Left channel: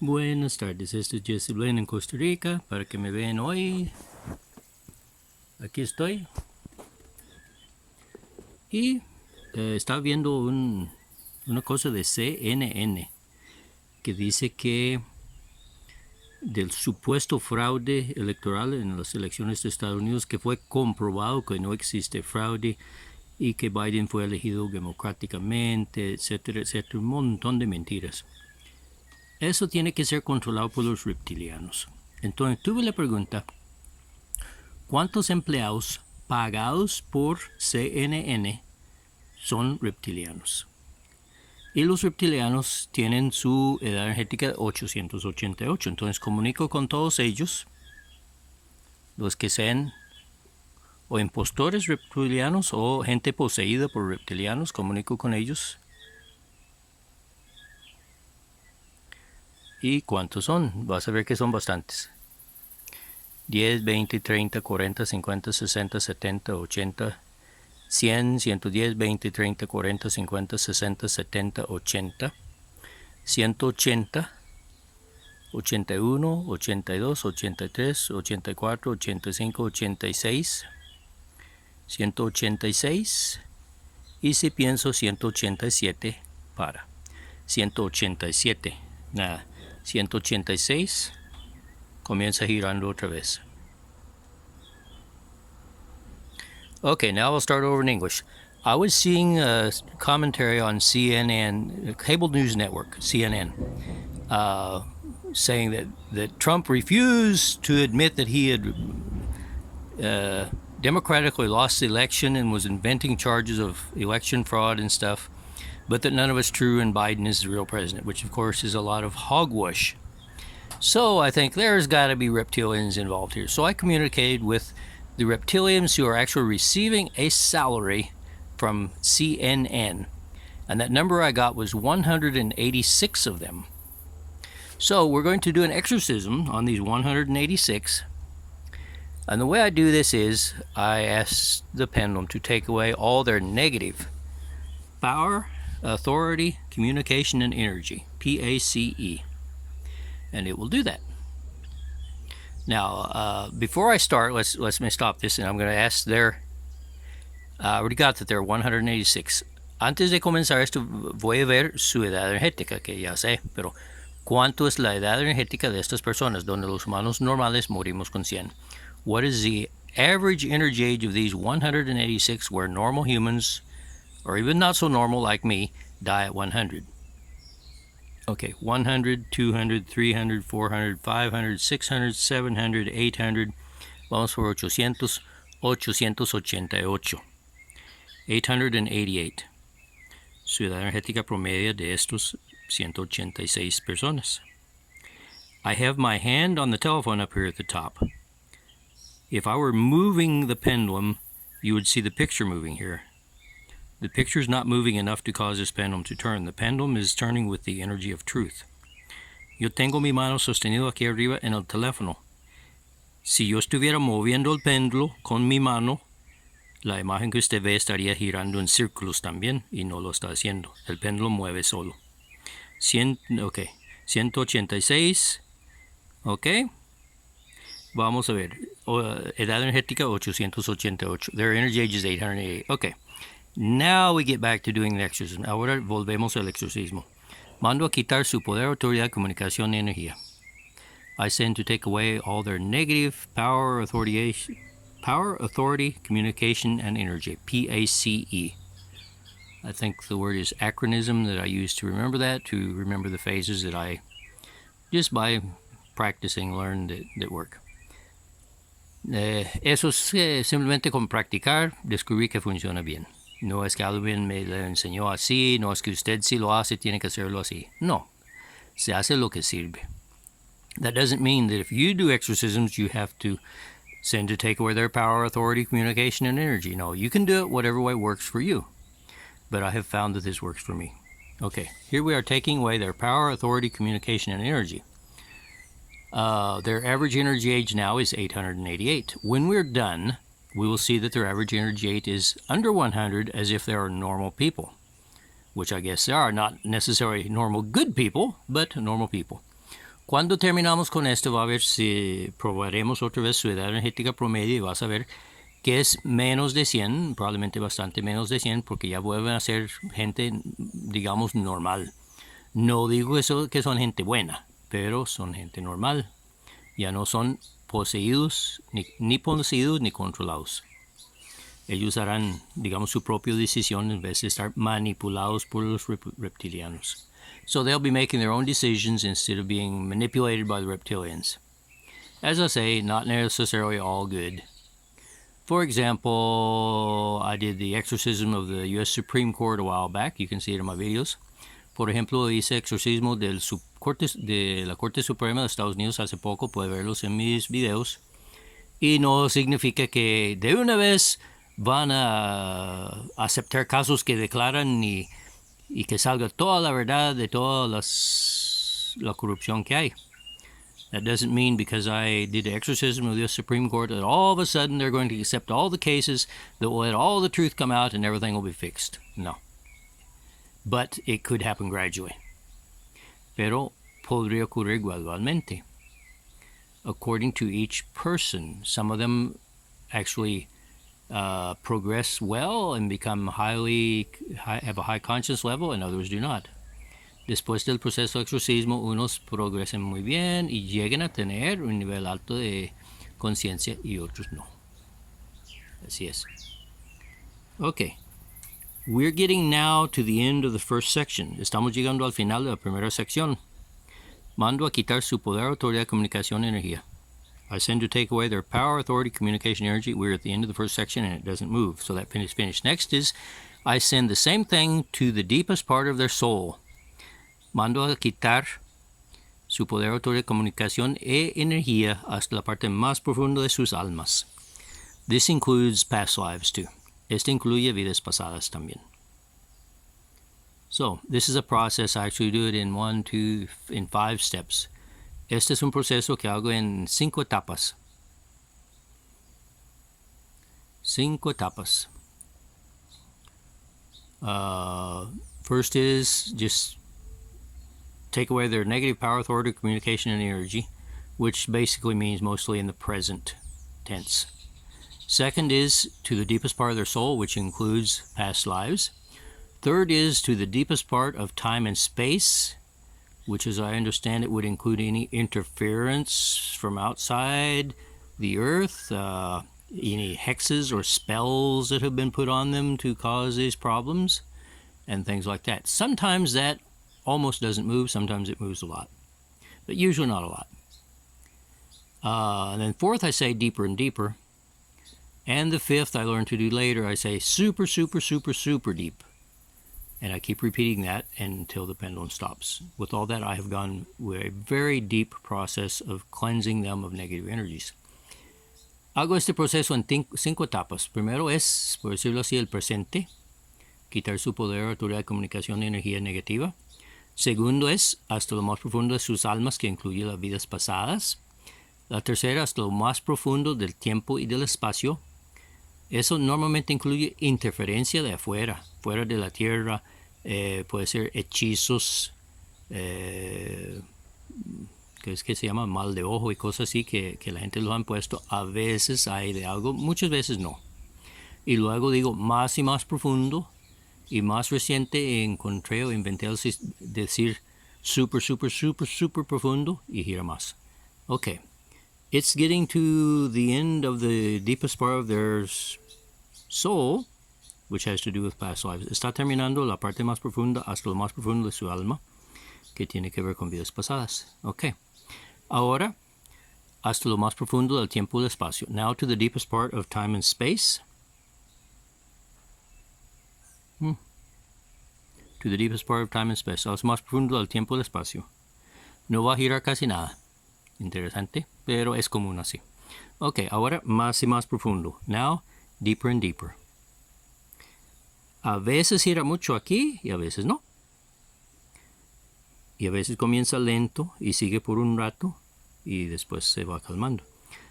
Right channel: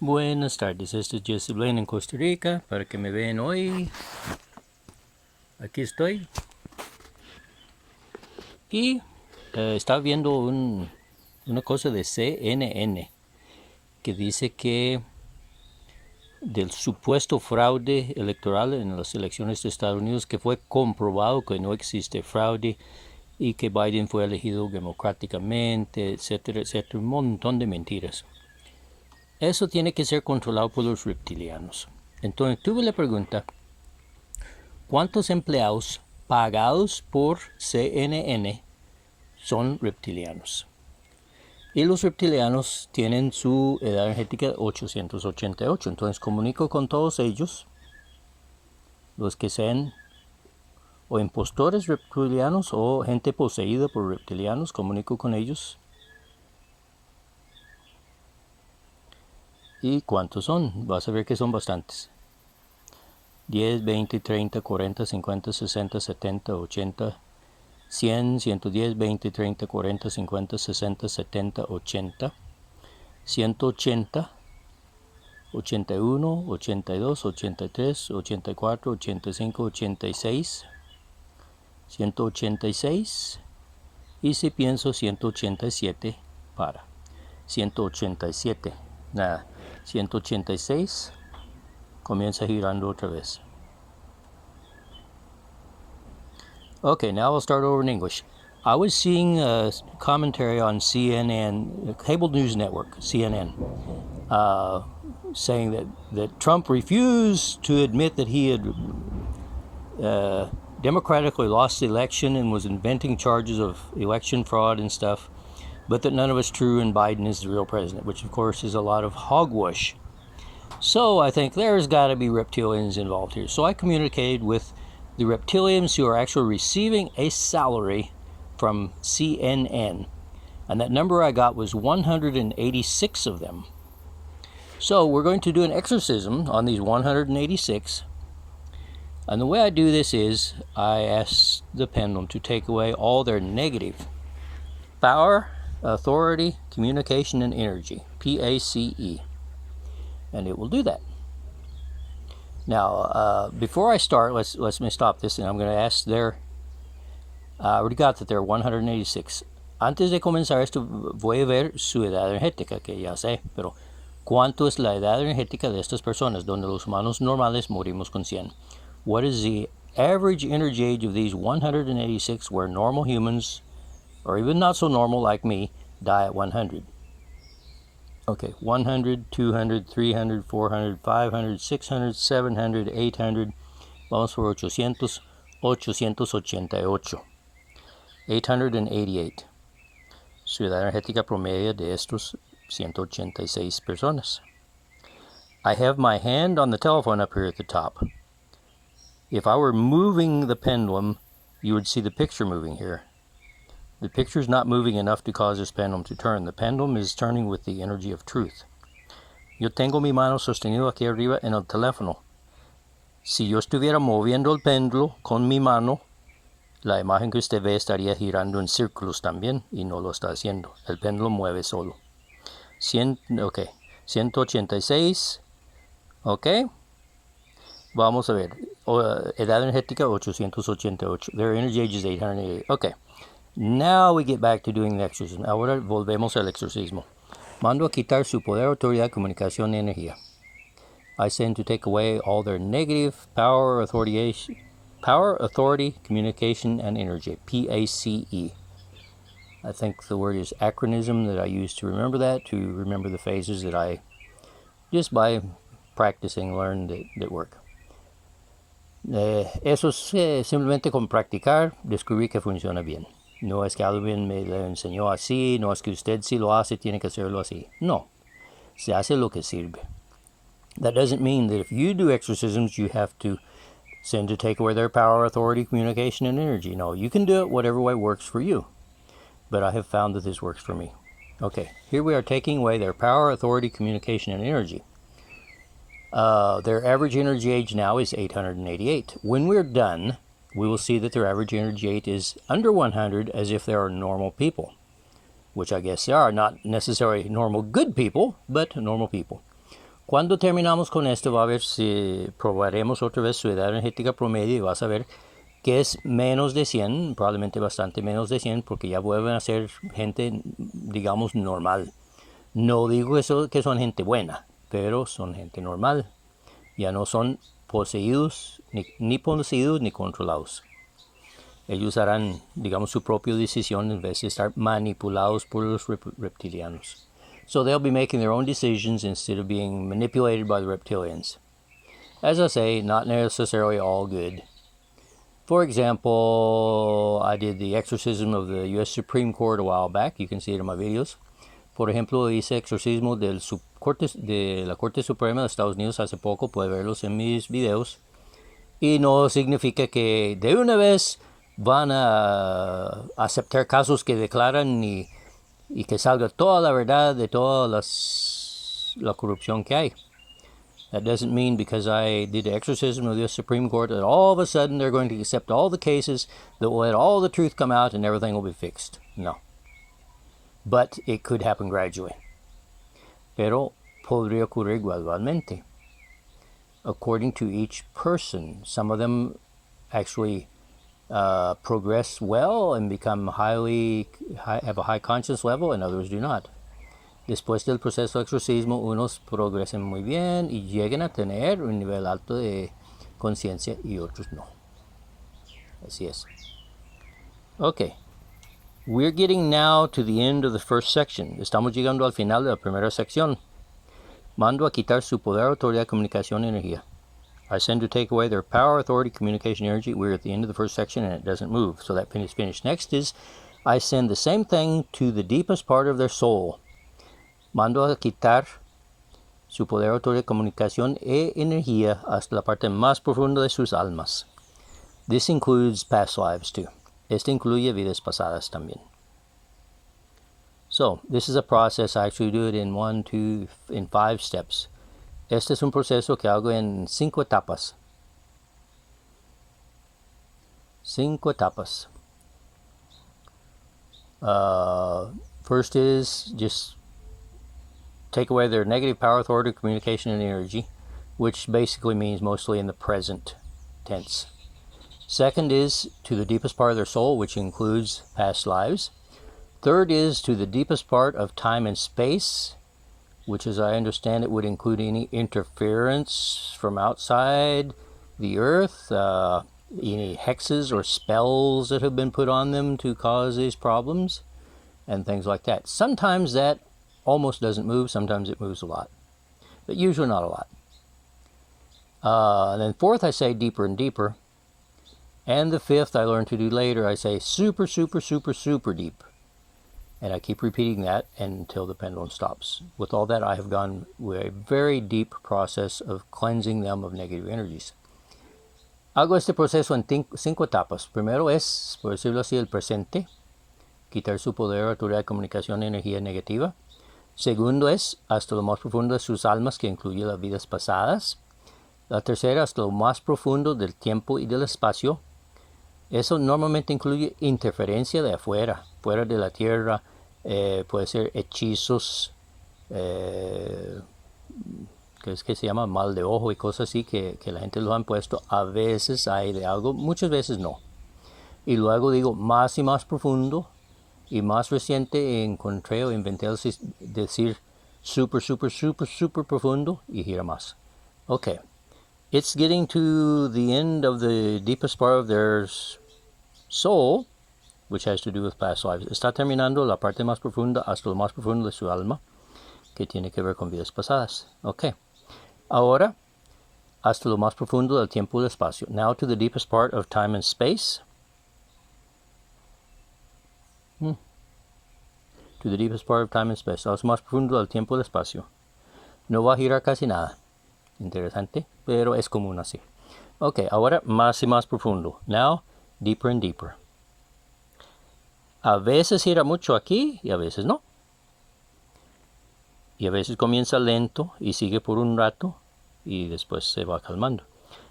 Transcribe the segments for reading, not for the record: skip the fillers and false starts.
Buenas tardes, este es Jesse Blaine en Costa Rica. Para que me vean hoy, aquí estoy. Y estaba viendo una cosa de CNN que dice que del supuesto fraude electoral en las elecciones de Estados Unidos, que fue comprobado que no existe fraude y que Biden fue elegido democráticamente, etcétera, etcétera, un montón de mentiras. Eso tiene que ser controlado por los reptilianos. Entonces tuve la pregunta, ¿cuántos empleados pagados por CNN son reptilianos? Y los reptilianos tienen su edad energética 888. Entonces comunico con todos ellos, los que sean o impostores reptilianos o gente poseída por reptilianos, comunico con ellos. ¿Y cuántos son? Vas a ver que son bastantes. 10, 20, 30, 40, 50, 60, 70, 80, 100, 110, 20, 30, 40, 50, 60, 70, 80, 180, 81, 82, 83, 84, 85, 86, 186 y si pienso 187 para 187, nada, 186 comienza girando otra vez. Okay, now I'll start over in English. I was seeing a commentary on CNN, cable news network, CNN, saying that Trump refused to admit that he had democratically lost the election and was inventing charges of election fraud and stuff, but that none of it's true and Biden is the real president, which of course is a lot of hogwash. So I think there's got to be reptilians involved here. So I communicated with the reptilians who are actually receiving a salary from CNN. And that number I got was 186 of them. So we're going to do an exorcism on these 186. And the way I do this is I ask the pendulum to take away all their negative power, authority, communication, and energy. PACE. And it will do that. Now, before I start, let me stop this, and I'm going to ask their. I already got that there are 186. Antes de comenzar esto, voy a ver su edad energética, que ya sé, pero ¿cuánto es la edad energética de estas personas, donde los humanos normales morimos con 100? What is the average energy age of these 186 where normal humans, or even not so normal like me, die at 100? Okay, 100, 200, 300, 400, 500, 600, 700, 800. Vamos por 800, 888. 888. Su edad energética promedio de estos 186 personas. I have my hand on the telephone up here at the top. If I were moving the pendulum, you would see the picture moving here. The picture's not moving enough to cause this pendulum to turn. The pendulum is turning with the energy of truth. Yo tengo mi mano sostenido aquí arriba en el teléfono. Si yo estuviera moviendo el péndulo con mi mano, la imagen que usted ve estaría girando en círculos también, y no lo está haciendo. El péndulo mueve solo. 186. Ok. Vamos a ver. Edad energética 888. Their energy age is 888. Ok. Now we get back to doing the exorcism. Ahora volvemos al exorcismo. Mando a quitar su poder, autoridad, comunicación y energía. I send to take away all their negative power, authority, communication, and energy. PACE. I think the word is acronym that I use to remember the phases that I, just by practicing, learned that work. Eso es simplemente con practicar, descubrí que funciona bien. No es que alguien me lo enseñó así, no es que usted si lo hace tiene que hacerlo así. No, se hace lo que sirve. That doesn't mean that if you do exorcisms, you have to send to take away their power, authority, communication, and energy. No, you can do it whatever way works for you. But I have found that this works for me. Okay, here we are taking away their power, authority, communication, and energy. Their average energy age now is 888. When we're done, we will see that their average energy age is under 100, as if they are normal people, which I guess they are. Not necessarily normal good people, but normal people. Cuando terminamos con esto, va a ver si probaremos otra vez su edad energética promedio y vas a ver que es menos de 100, probablemente bastante menos de 100, porque ya vuelven a ser gente, digamos, normal. No digo eso que son gente buena, pero son gente normal. Ya no son poseídos, ni poseídos ni controlados. Ellos harán, digamos, su propia decisión en vez de estar manipulados por los reptilianos. So they'll be making their own decisions instead of being manipulated by the reptilians. As I say, not necessarily all good. For example, I did the exorcism of the U.S. Supreme Court a while back. You can see it in my videos. Por ejemplo, hice exorcismo de la Corte Suprema de Estados Unidos hace poco. Puede verlos en mis videos. Y no significa que de una vez van a aceptar casos que declaran y que salga toda la verdad de toda la corrupción que hay. That doesn't mean because I did the exorcism of the Supreme Court that all of a sudden they're going to accept all the cases, that will let all the truth come out and everything will be fixed. No. But it could happen gradually. Pero podría ocurrir gradualmente. According to each person, some of them actually progress well and become have a high conscious level, and others do not. Después del proceso de exorcismo, unos progresan muy bien y llegan a tener un nivel alto de conciencia y otros no. Así es. Okay. We're getting now to the end of the first section. Estamos llegando al final de la primera sección. Mando a quitar su poder, autoridad, comunicación, energía. I send to take away their power, authority, communication, energy. We're at the end of the first section and it doesn't move. So that is finished. Next is, I send the same thing to the deepest part of their soul. Mando a quitar su poder, autoridad, comunicación e energía hasta la parte más profunda de sus almas. This includes past lives too. Este incluye vidas pasadas también. So, this is a process. I actually do it in 5 steps. Este es un proceso que hago en 5 etapas. 5 etapas. First is just take away their negative power, authority, communication, and energy, which basically means mostly in the present tense. Second is to the deepest part of their soul, which includes past lives. Third is to the deepest part of time and space, which, as I understand it, would include any interference from outside the earth, any hexes or spells that have been put on them to cause these problems, and things like that. Sometimes that almost doesn't move, sometimes it moves a lot, but usually not a lot. And then fourth, I say deeper and deeper. And the fifth, I learned to do later, I say super, super, super, super deep. And I keep repeating that until the pendulum stops. With all that, I have gone with a very deep process of cleansing them of negative energies. Hago este proceso en 5 etapas. Primero es, por decirlo así, el presente. Quitar su poder, autoridad, comunicación, energía negativa. Segundo es hasta lo más profundo de sus almas, que incluye las vidas pasadas. La tercera, hasta lo más profundo del tiempo y del espacio. Eso normalmente incluye interferencia de afuera, fuera de la tierra. Puede ser hechizos, que es que se llama mal de ojo y cosas así que la gente lo han puesto. A veces hay de algo, muchas veces no. Y luego digo más y más profundo. Y más reciente encontré o inventé decir super, super, super, super profundo y gira más. Okay. It's getting to the end of the deepest part of their soul, which has to do with past lives. Está terminando la parte más profunda hasta lo más profundo de su alma, que tiene que ver con vidas pasadas. Okay. Ahora, hasta lo más profundo del tiempo y del espacio. Now to the deepest part of time and space. To the deepest part of time and space. Lo más profundo del tiempo y del espacio. No va a girar casi nada. Interesante, pero es común así. Ok, ahora más y más profundo. Now, deeper and deeper. A veces gira mucho aquí y a veces no. Y a veces comienza lento y sigue por un rato y después se va calmando.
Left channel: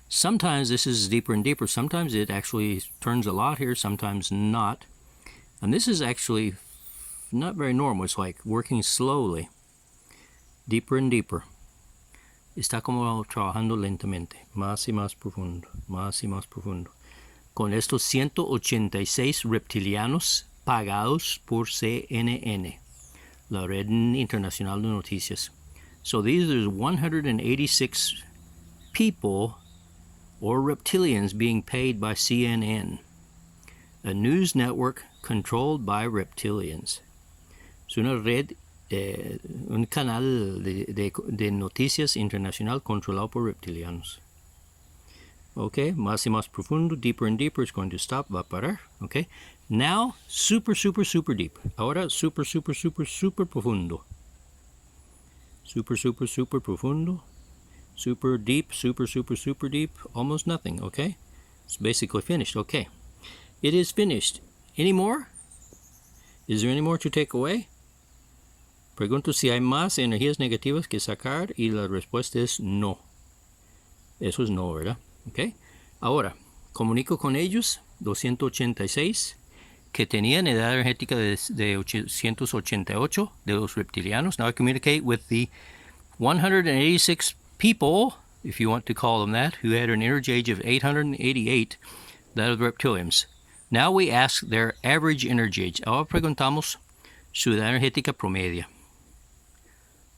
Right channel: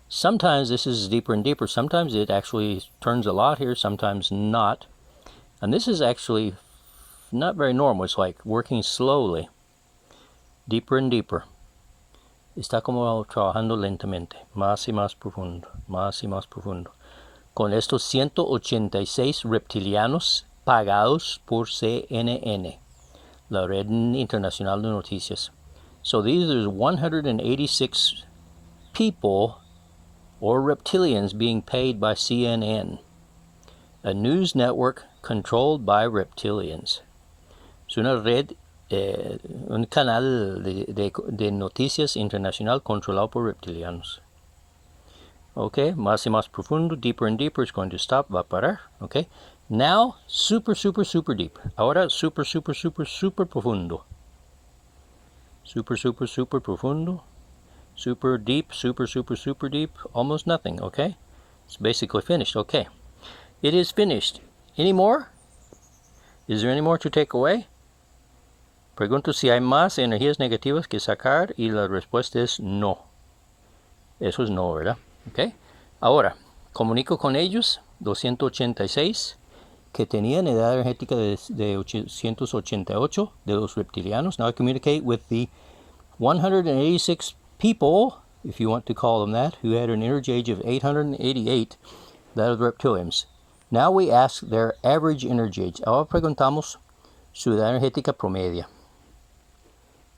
Sometimes this is deeper and deeper. Sometimes it actually turns a lot here, sometimes not. And this is actually not very normal. It's like working slowly, deeper and deeper. está como trabajando lentamente, más y más profundo, más y más profundo. Con estos 186 reptilianos pagados por CNN, la red internacional de noticias. So these are 186 people or reptilians being paid by CNN, a news network controlled by reptilians. Es una red, un canal de noticias internacional controlado por reptilianos. Okay, más y más profundo, deeper and deeper, it's going to stop, va a parar. Okay, now super, super, super deep. Ahora super, super, super, super profundo. Super, super, super profundo. Super deep, super, super, super deep. Almost nothing, okay? It's basically finished, okay. It is finished. Any more? Is there any more to take away? Pregunto si hay más energías negativas que sacar y la respuesta es no. Eso es no, ¿verdad? Okay. Ahora, comunico con ellos, 286, que tenían edad energética de 888 de los reptilianos. Now I communicate with the 186 people, if you want to call them that, who had an energy age of 888, that of the reptilians. Now we ask their average energy age. Ahora preguntamos su edad energética promedia.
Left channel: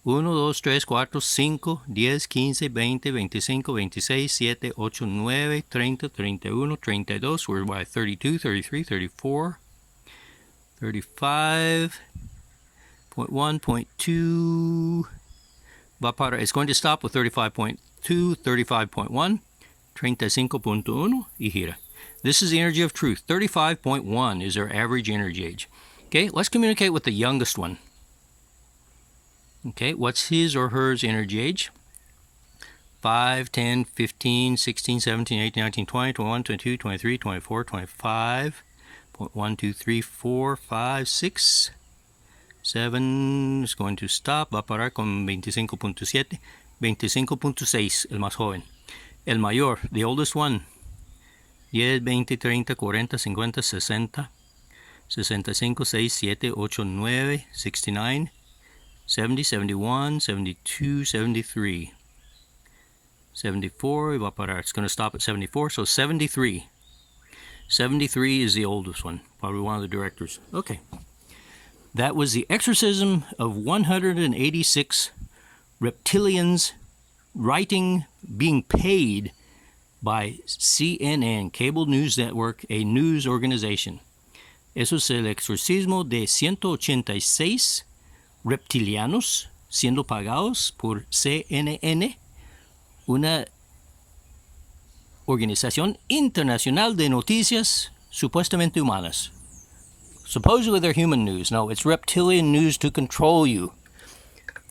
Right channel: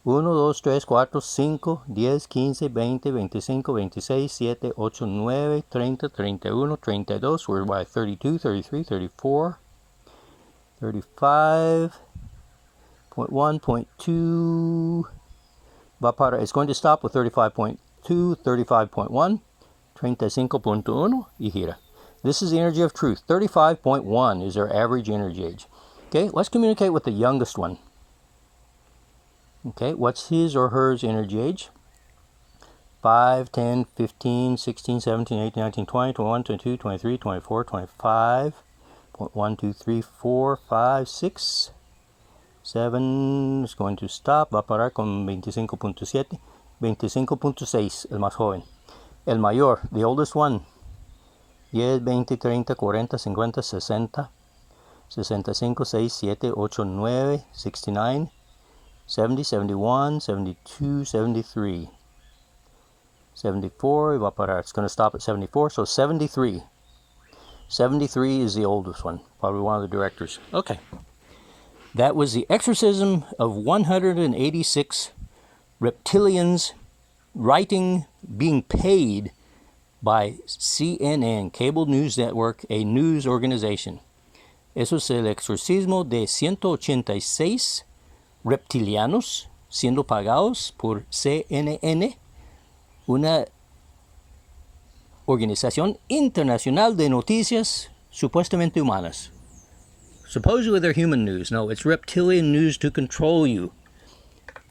1, 2, 3, 4, 5, 10, 15, 20, 25, 26, 7, 8, 9, 30, 31, 32. We're by 32, 33, 34, 35, 0.1, 0.2. It's going to stop with 35.2, 35.1, 35.1, y gira. This is the energy of truth. 35.1 is our average energy age. Okay, let's communicate with the youngest one. Okay, what's his or hers energy age? 5, 10, 15, 16, 17, 18, 19, 20, 21, 22, 23, 24, 25, 1, 2, 3, 4, 5, 6, 7, is going to stop, va a parar con 25.7, 25.6, el más joven. El mayor, the oldest one, 10, 20, 30, 40, 50, 60, 65, 6, 7, 8, 9, 69, 70, 71, 72, 73, 74, va a parar. It's going to stop at 74, so 73. 73 is the oldest one, probably one of the directors. Okay. That was the exorcism of 186 reptilians being paid by CNN, Cable News Network, a news organization. Eso es el exorcismo de 186 reptilianos siendo pagados por CNN, una organización internacional de noticias supuestamente humanas. Supposedly they're human news. No, it's reptilian news to control you.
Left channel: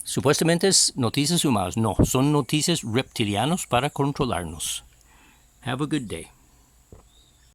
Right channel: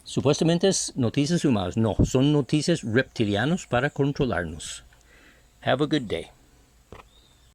Supuestamente es noticias humanas. No, son noticias reptilianos para controlarnos. Have a good day.